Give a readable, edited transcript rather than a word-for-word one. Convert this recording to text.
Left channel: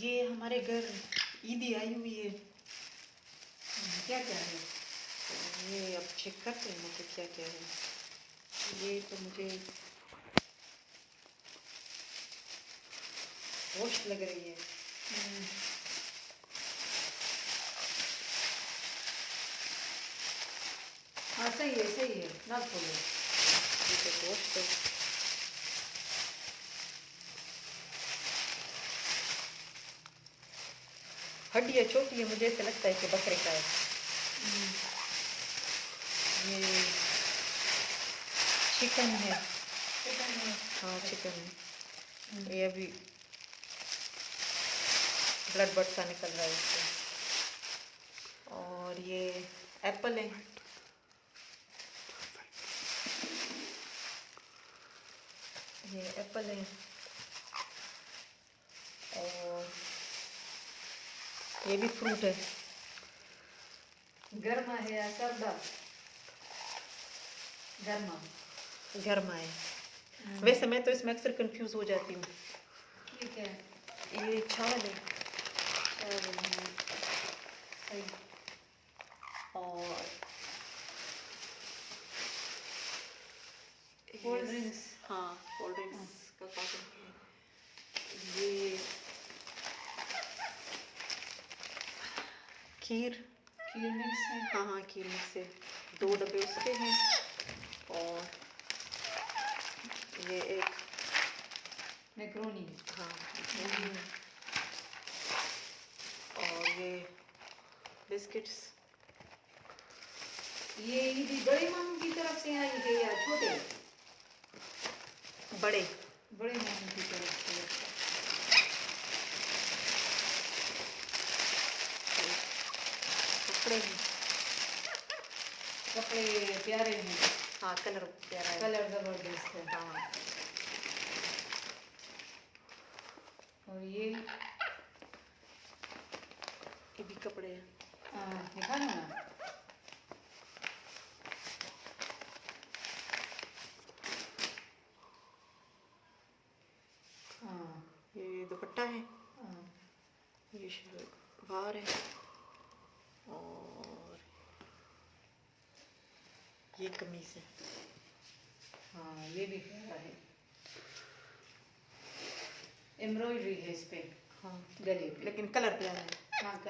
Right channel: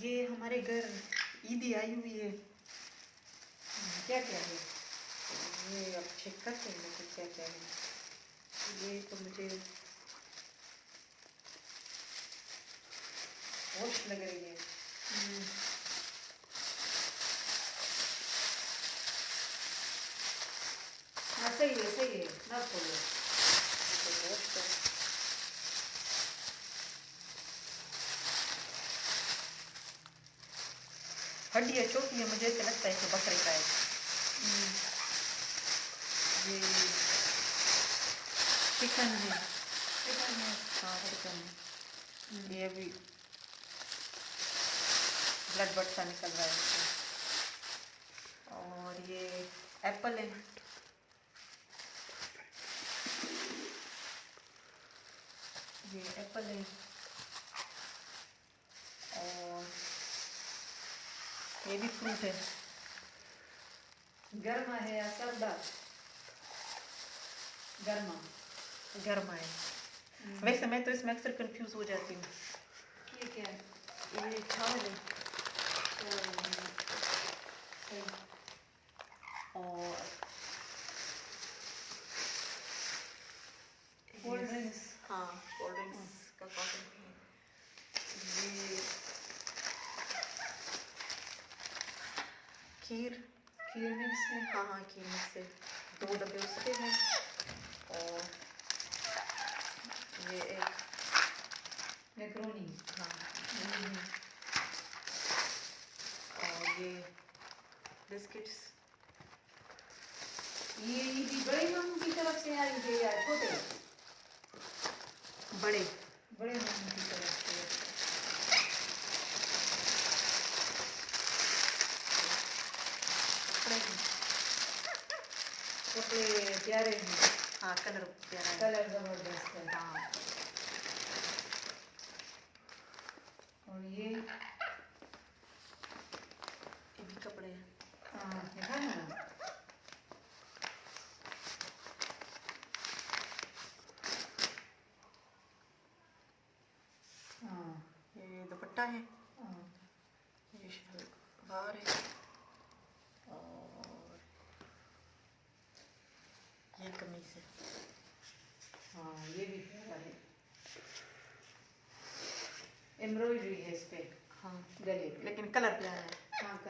ये हमारे घर ईदी आई हुई है। क्या क्या है? ये अब चेक करते हैं कि क्या क्या है। ये तो मुझे होश लग रही है। हाँ सही है मत खोलो। ये तो होश है। हड्डी छोटी है, मुझे ऐसा लगता है कि बकरे का है। ये चिकन है। हाँ चिकन है। ये अभी ब्लड बट सा निकल रहा है इससे। और ये एप्पल है। ये एप्पल है। और ये भी फ्रूट है। गर्मा है या सर्दा? गर्मा। गर्मा है। वैसे मैं तो इसमें अक्सर कंफ्यूज हो जाती हूँ। ठीक है। ये छाल है। सही। और कोल्ड ड्रिंक्स। हाँ कोल्ड ड्रिंक्स का कॉटन है। ये खीर मिक्स है। हाँ खीर मिक्स है। 2 डब्बे उसके हैं। और ये एक मैक्रोनी। हाँ। और ये बिस्किट्स। ये ईदी बड़े मामू की तरफ से आई है या छोटे? बड़े मामू की तरफ से। कपड़े कपड़े प्यारे हैं। हाँ कलर प्यारा है। कलर जबरदस्त है। हाँ और ये भी कपड़े हैं। हाँ दिखाना ना। हाँ ये दुपट्टा है। हाँ ये बाहर है। और ये कमीज है। हाँ ये भी प्यारा है। एम्ब्रॉयडरी है इस पे। हाँ गले पे। लेकिन कलर प्यारा है। हाँ